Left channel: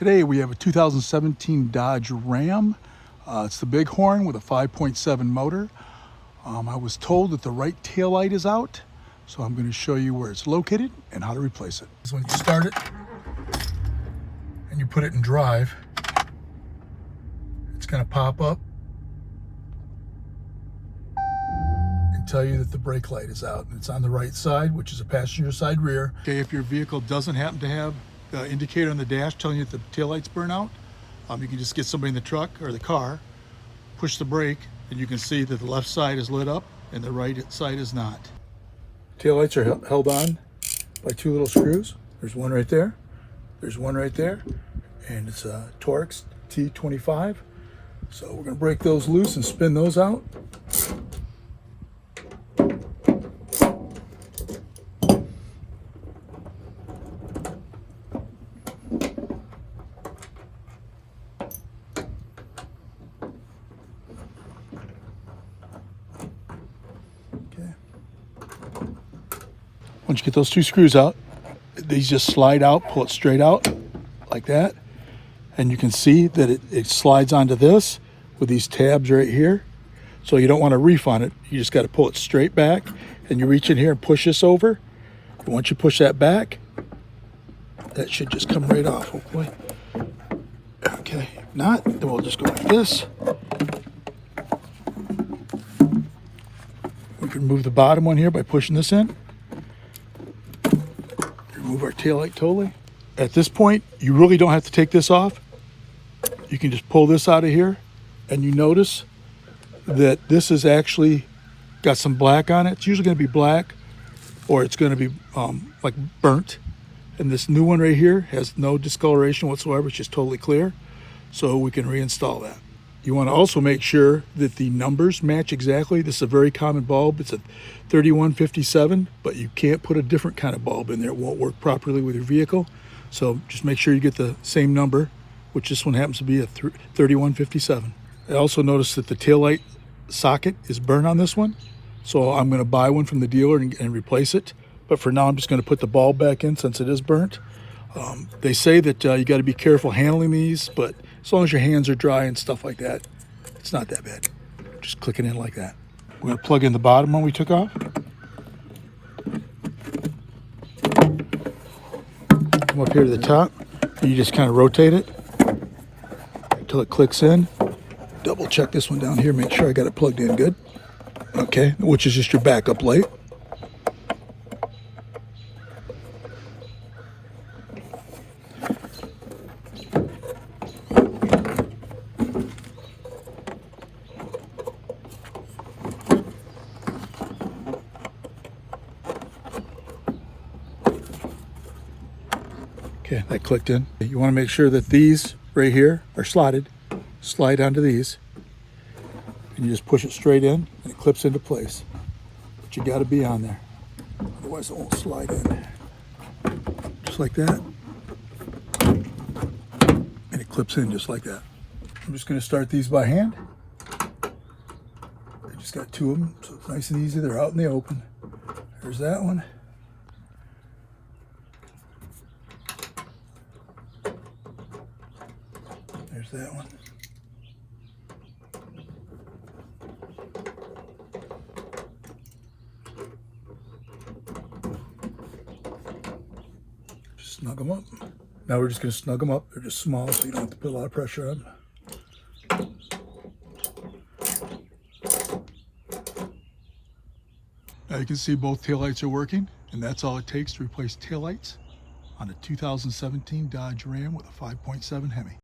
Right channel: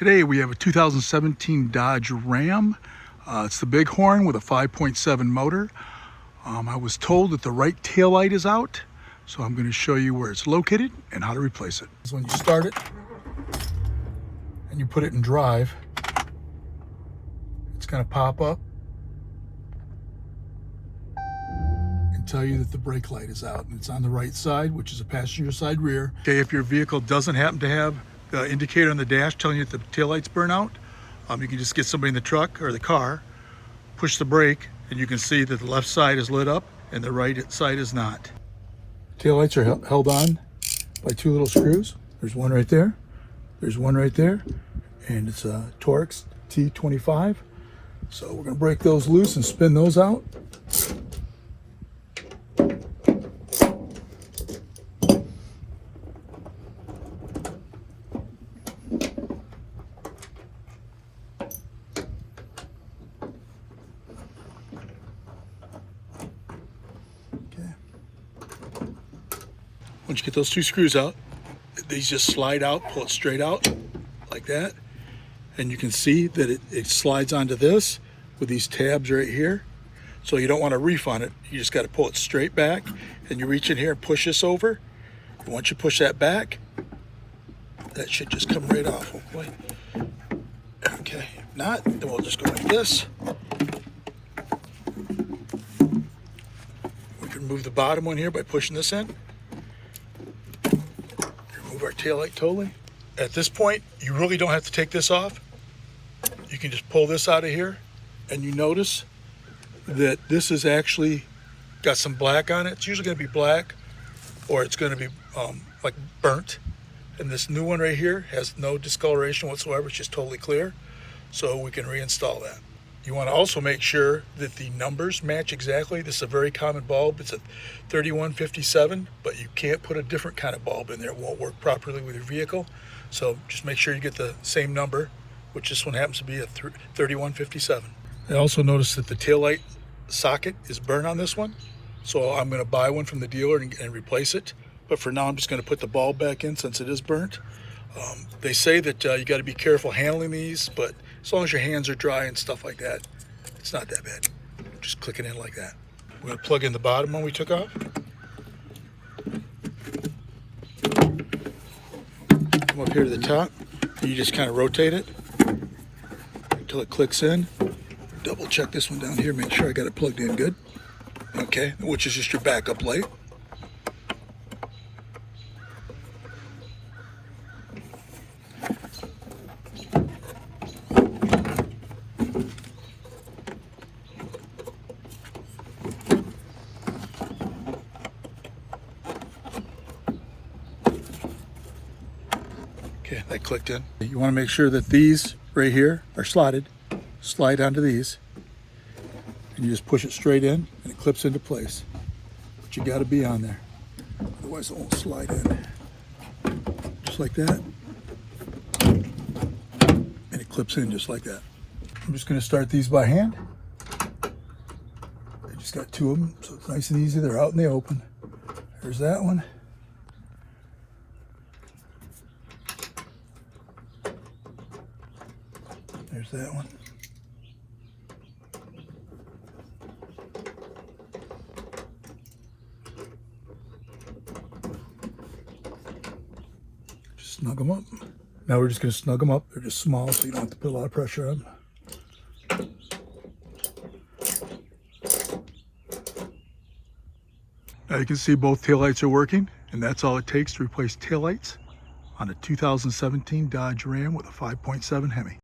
Today we have a 2017 Dodge Ram. It's the Bighorn with a 5.7 motor. I was told that the right taillight is out, so I'm going to show you where it's located and how to replace it. So when you start it and you put it in drive, it's going to pop up and tell you that the brake light is out, and it's on the right side, which is a passenger side rear. Okay, if your vehicle doesn't happen to have the indicator on the dash telling you that the taillight's burn out, you can just get somebody in the truck or the car, push the brake, and you can see that the left side is lit up and the right side is not. Taillights are held on by two little screws. There's one right there, there's one right there, and it's a Torx T25. So we're going to break those loose and spin those out. Once you get those two screws out, these just slide out, pull it straight out like that. And you can see that it slides onto this with these tabs right here. So you don't want to reef on it. You just got to pull it straight back, and you reach in here and push this over. And once you push that back, that should just come right off, hopefully. Okay, if not, then we'll just go like this. We can remove the bottom one here by pushing this in. Remove our taillight totally. At this point, you really don't have to take this off. You can just pull this out of here, and you notice that this is actually got some black on it. It's usually going to be black, or it's going to be like burnt. And this new one right here has no discoloration whatsoever. It's just totally clear. So we can reinstall that. You want to also make sure that the numbers match exactly. This is a very common bulb. It's a 3157, but you can't put a different kind of bulb in there. It won't work properly with your vehicle. So just make sure you get the same number, which this one happens to be a 3157. I also noticed that the taillight socket is burnt on this one. So I'm going to buy one from the dealer and replace it. But for now, I'm just going to put the bulb back in since it is burnt. They say that you got to be careful handling these, but as long as your hands are dry and stuff like that, it's not that bad. Just click it in like that. We're going to plug in the bottom one we took off. Come up here to the top. You just kind of rotate it until it clicks in. Double check this one down here, make sure I got it plugged in good. Okay, which is just your backup light. Okay, that clicked in. You want to make sure that these right here are slotted. Slide onto these. And you just push it straight in and it clips into place. But you got to be on there. Otherwise it won't slide in. Just like that. And it clips in just like that. I'm just going to start these by hand. I just got two of them, so it's nice and easy. They're out in the open. There's that one. There's that one. Just snug them up. Now we're just going to snug them up. They're just small, so you don't have to put a lot of pressure on them. Now you can see both taillights are working, and that's all it takes to replace taillights on a 2017 Dodge Ram with a 5.7 Hemi.